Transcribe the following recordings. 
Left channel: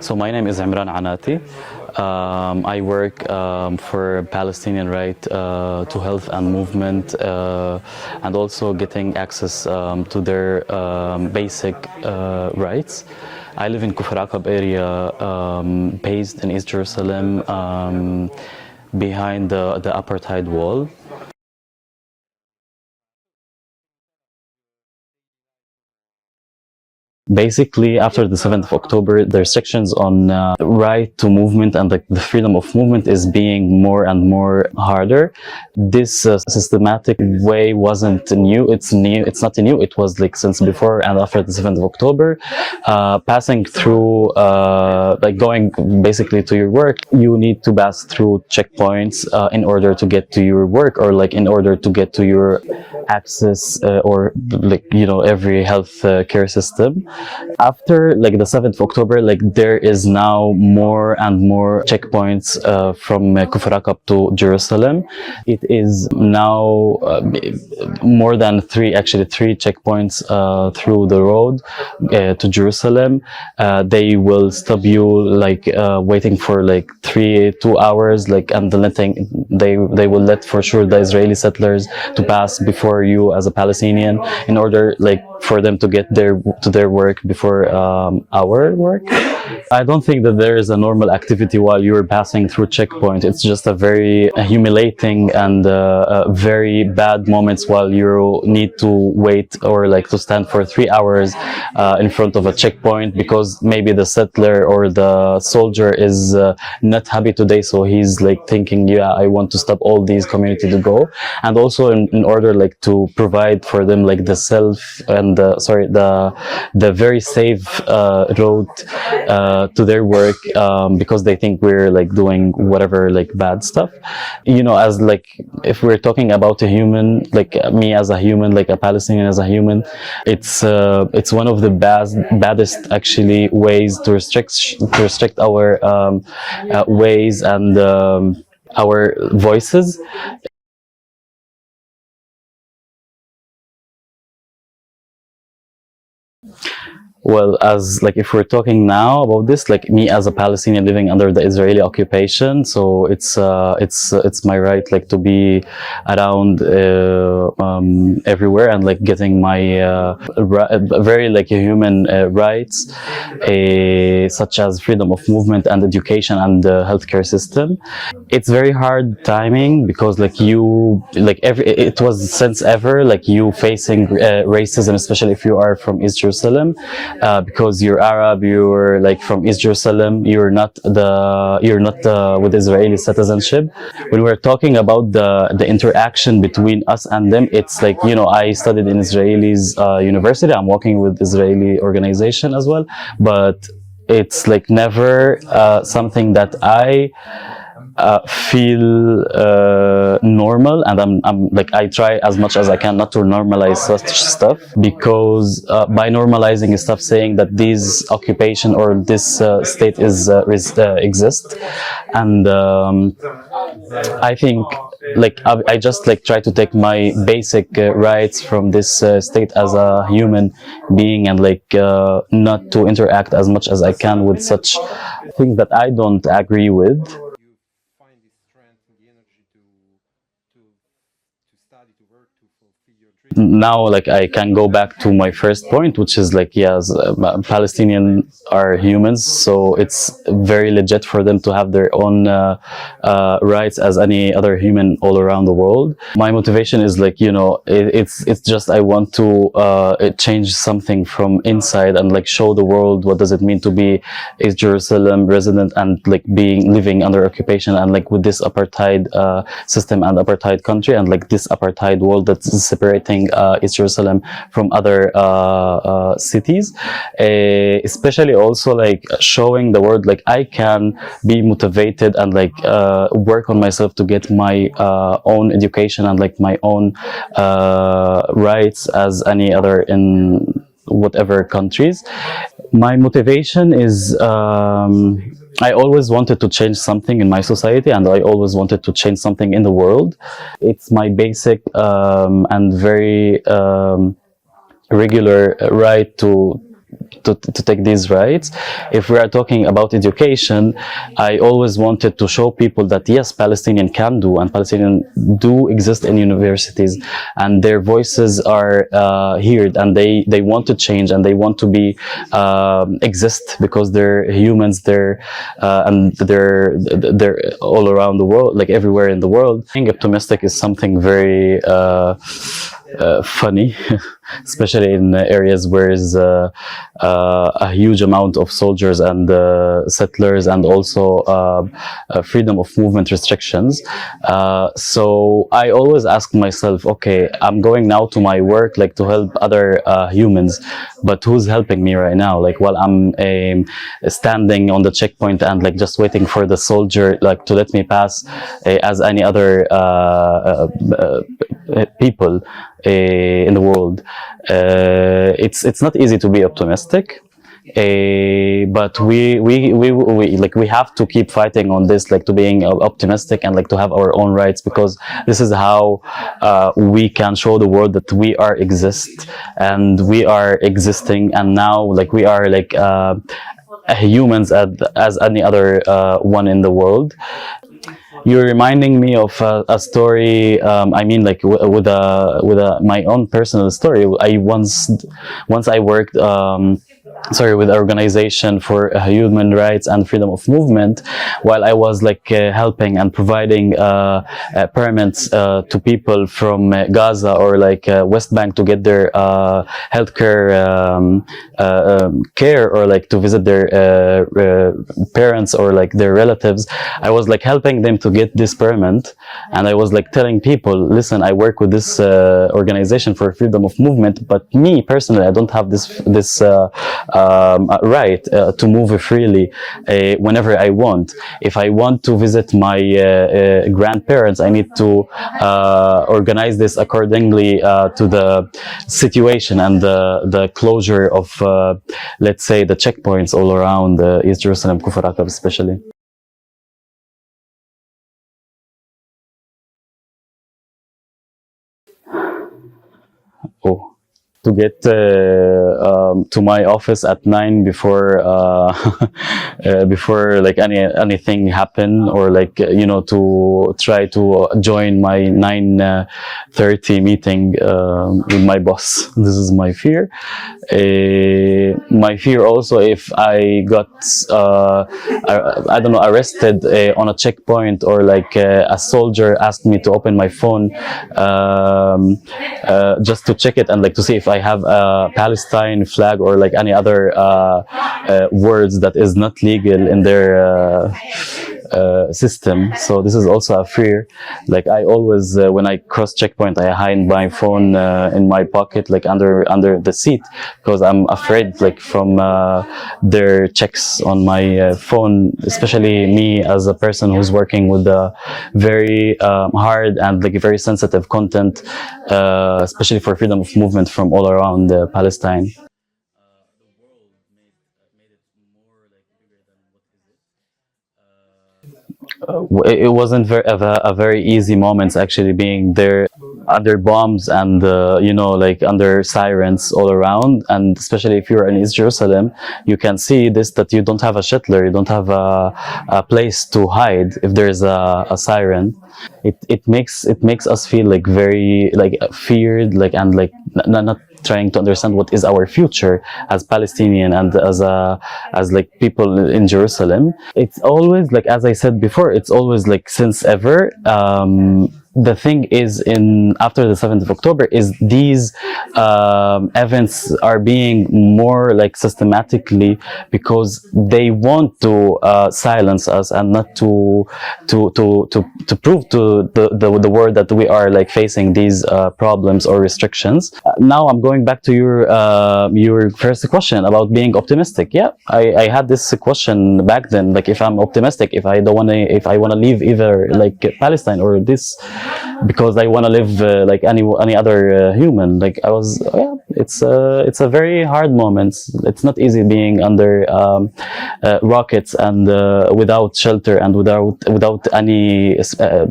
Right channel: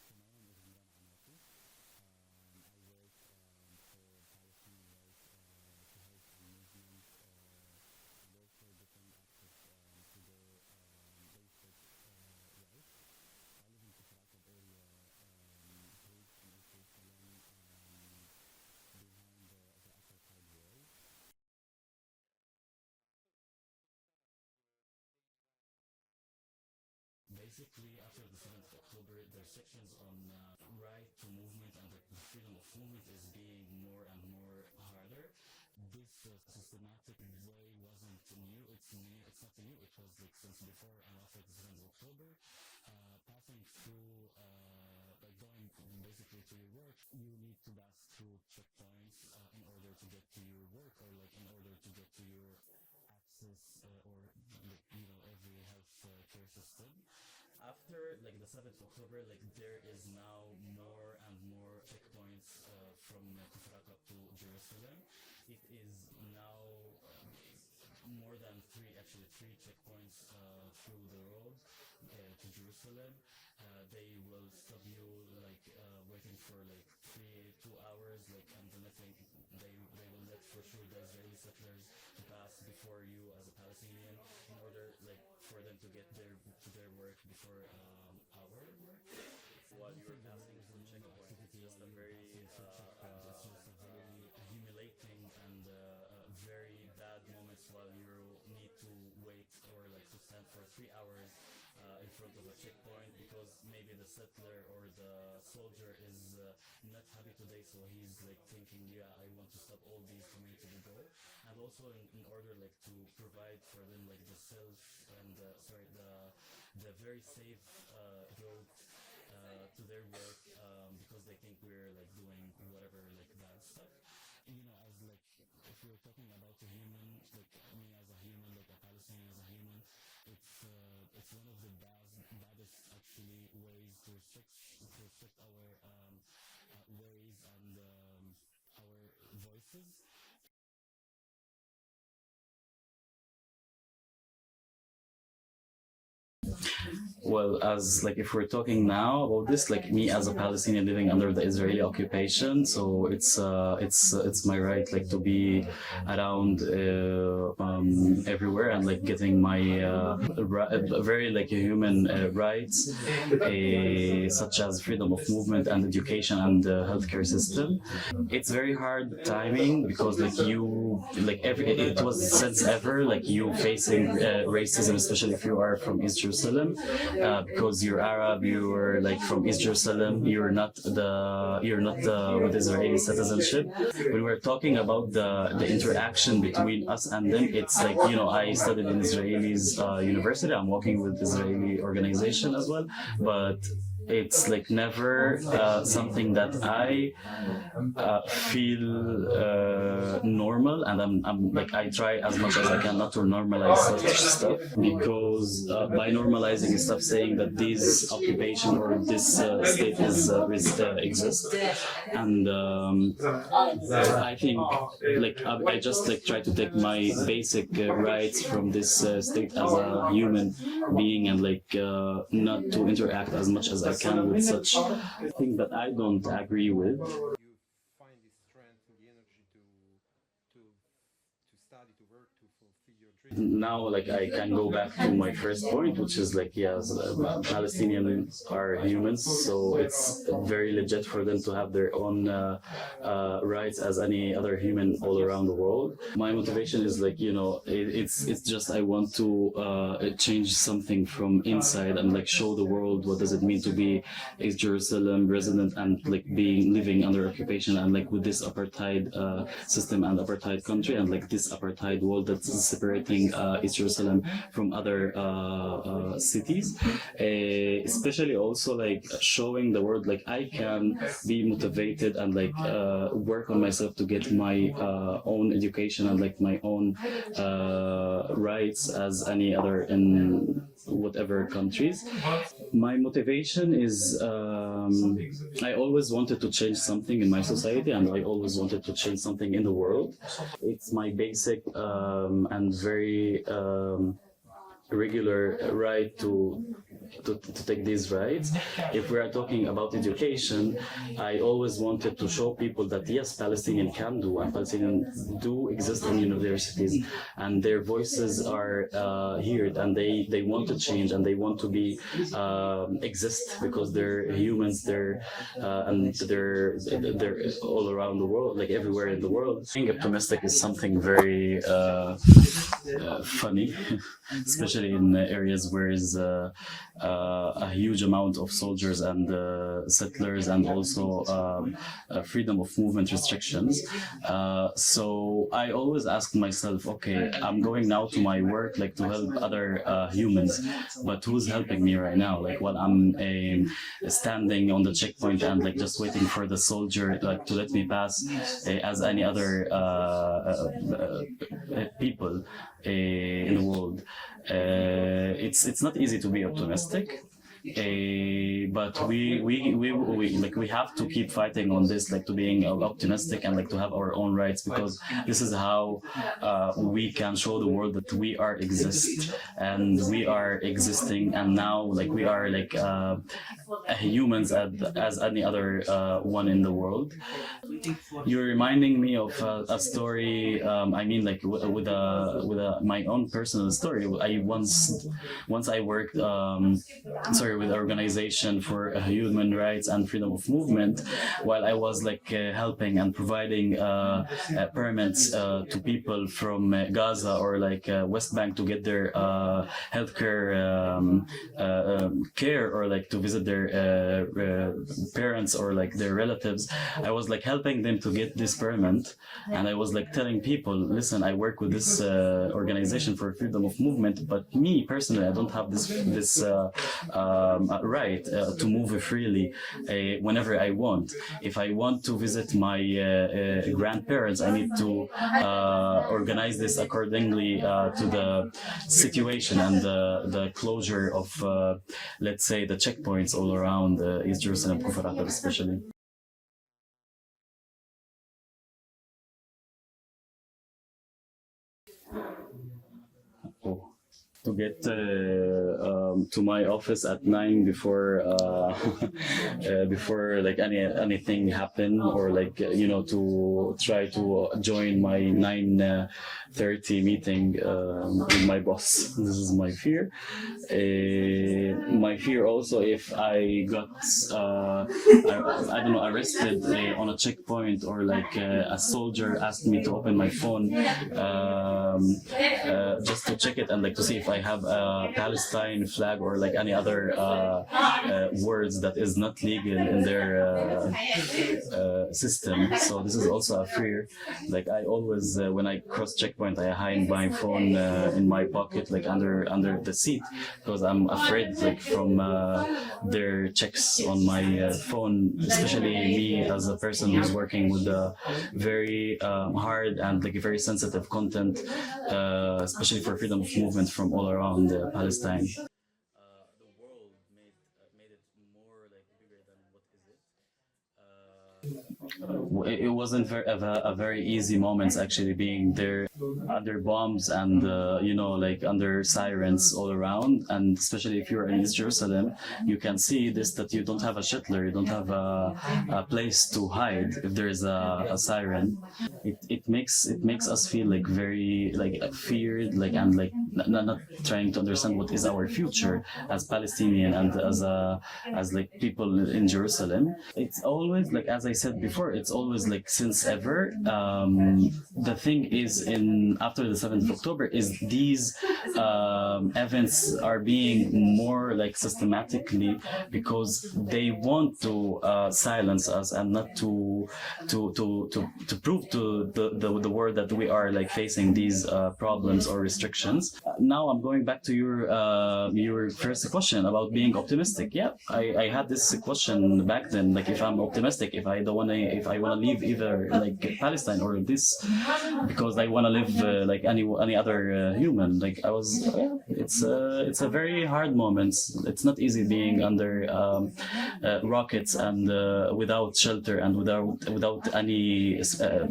So my name is Imran Anati. I work for Palestinian right to health and movement, and also getting access to their basic rights. I live in Kufr Aqab area, based in East Jerusalem, behind the apartheid wall. Basically, after the 7th of October, the restrictions on right to movement and the freedom of movement is being more and more harder. This systematic way wasn't new. It's new. It's not new. It was like since before and after the 7th of October. Passing through, like going basically to your work, you need to pass through checkpoints in order to get to your work, or like in order to get to your access or like every health care system. After like the 7th of October, like there is now more and more checkpoints from Kufr Aqab to Jerusalem. It is now more than three checkpoints through the road to Jerusalem. They will stop you like waiting for like 2 hours, like, and they will let for sure the Israeli settlers to pass before you as a Palestinian in order like for them to get to their work before our work. I don't think that there is a normal activity while you're passing through checkpoint. It's just a very humiliating and very bad moments while you need to wait or like to stand for 3 hours in front of a checkpoint because maybe the settler or the soldier is not happy today, so he's like thinking, yeah, I want to stop all these community to go. And also in order like to provide for them like the self and the very safe road to their work, because they think we're like doing whatever like bad stuff, as like if we're talking about a human, like me as a human, like a Palestinian as a human, it's one of the baddest actually ways to restrict our ways and our voices. Well, as like if we're talking now about this, like me as a Palestinian living under the Israeli occupation, so it's my right like to be around everywhere and like getting my very like human rights, such as freedom of movement and education and the healthcare system. It's very hard timing because like it was since ever like you facing racism, especially if you are from East Jerusalem. Because you're Arab, you're like from East Jerusalem, you're not with Israeli citizenship. When we're talking about the interaction between us and them, it's like I studied in Israeli's university. I'm working with Israeli organization as well, but it's like never something that I feel normal, and I'm like I try as much as I can not to normalize such stuff, because by normalizing stuff, saying that this occupation or this state exists, and I think like I just like try to take my basic rights from this state as a human being, and like not to interact as much as I can with such things that I don't agree with. Now like I can go back to my first point, which is like, yes, Palestinians are humans, so it's very legit for them to have their own rights as any other human all around the world. My motivation is like it's just I want to change something from inside and like show the world what does it mean to be a Jerusalem resident and like living under occupation, and like with this apartheid system and apartheid country, and like this apartheid world that's separating East Jerusalem from other cities, especially also like showing the world like I can be motivated and like work on myself to get my own education and like my own rights as any other in whatever countries. My motivation is I always wanted to change something in my society, and I always wanted to change something in the world. It's my basic and very regular right to take these rights. If we are talking about education, I always wanted to show people that yes, Palestinian can do, and Palestinians do exist in universities, and their voices are heard, and they want to change, and they want to be exist because they're humans, and they're all around the world, like everywhere in the world. Being optimistic is something very funny, especially in areas where is a huge amount of soldiers and settlers, and also freedom of movement restrictions. So I always ask myself, okay, I'm going now to my work, like to help other humans, but who's helping me right now? Like while I'm standing on the checkpoint and like just waiting for the soldier like to let me pass, as any other people in the world. It's not easy to be optimistic, but we have to keep fighting on this, like to being optimistic and like to have our own rights, because this is how we can show the world that we are exist, and we are existing, and now like we are like humans as any other one in the world. You're reminding me of a story. I mean, like with my own personal story. I once I worked with organization for human rights and freedom of movement, while I was like helping and providing permits to people from Gaza or like West Bank to get their healthcare care, or like to visit their parents or like their relatives. I was like helping them to get this permit, and I was like telling people, listen, I work with this organization for freedom of movement, but me personally, I don't have this right to move freely whenever I want. If I want to visit my grandparents, I need to organize this accordingly to the situation and the closure of, let's say, the checkpoints all around East Jerusalem, Kufr Atab especially. Oh, to get to my office at 9 before before like anything happen, or like to try to join my 9:30 meeting with my boss. This is my fear. My fear also, if I got I don't know, arrested on a checkpoint, or like a soldier asked me to open my phone just to check it and like to see if I have a Palestine flag or like any other words that is not legal in their system. So this is also a fear. Like I always, when I cross checkpoint, I hide my phone in my pocket, like under the seat, because I'm afraid like from their checks on my phone, especially me as a person who's working with very hard and like very sensitive content, especially for freedom of movement from all around Palestine. It wasn't a very easy moments actually, being there under bombs and like under sirens all around, and especially if you're in East Jerusalem, you can see this, that you don't have a shelter, you don't have a place to hide if there's a siren. It makes us feel like very like feared, like, and like not trying to understand what is our future as Palestinian and as like people in Jerusalem. It's always like, as I said before, it's always like since ever. The thing is, in after the 7th of October, is these events are being more like systematically, because they want to silence us and not to prove to the world that we are like facing these problems or restrictions. Now I'm going back to your first question about being optimistic. Yeah, I had this question back then, like if I'm optimistic, if I want to leave either like Palestine or this, because I want to live like any other human. Like I was, yeah, it's a very hard moment. It's not easy being under rockets and without shelter and without any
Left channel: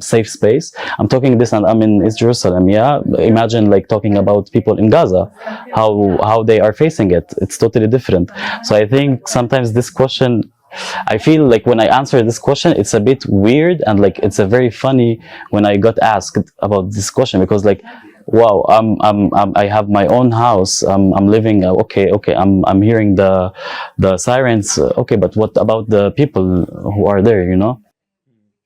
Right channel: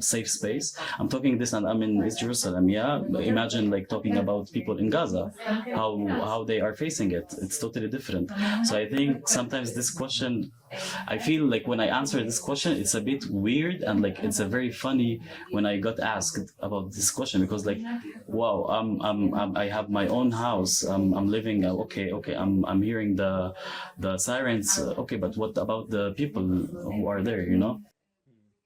safe space. I'm talking this, and I'm in East Jerusalem. Yeah, imagine like talking about people in Gaza, how they are facing it. It's totally different. So I think sometimes this question, I feel like when I answer this question, it's a bit weird, and like it's a very funny when I got asked about this question, because like, wow, I have my own house. I'm living. Okay. I'm hearing the sirens. Okay, but what about the people who are there? You know.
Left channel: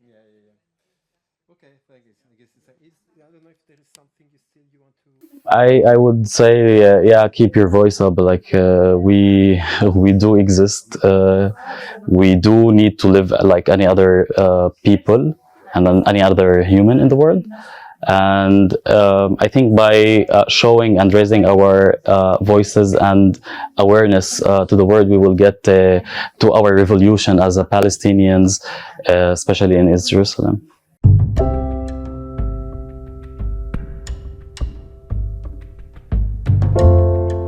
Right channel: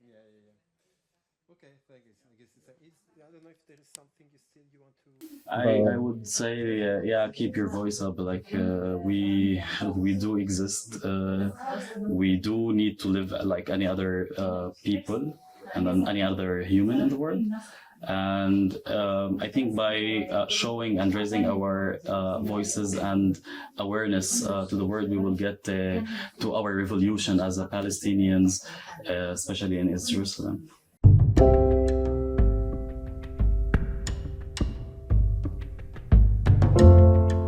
Yeah, yeah, yeah. Okay, thank you. I guess I don't know if there is something you still you want I would say yeah, keep your voice up. Like we do exist. We do need to live like any other people and any other human in the world. And I think by showing and raising our voices and awareness to the world, we will get to our revolution as a Palestinians, especially in East Jerusalem.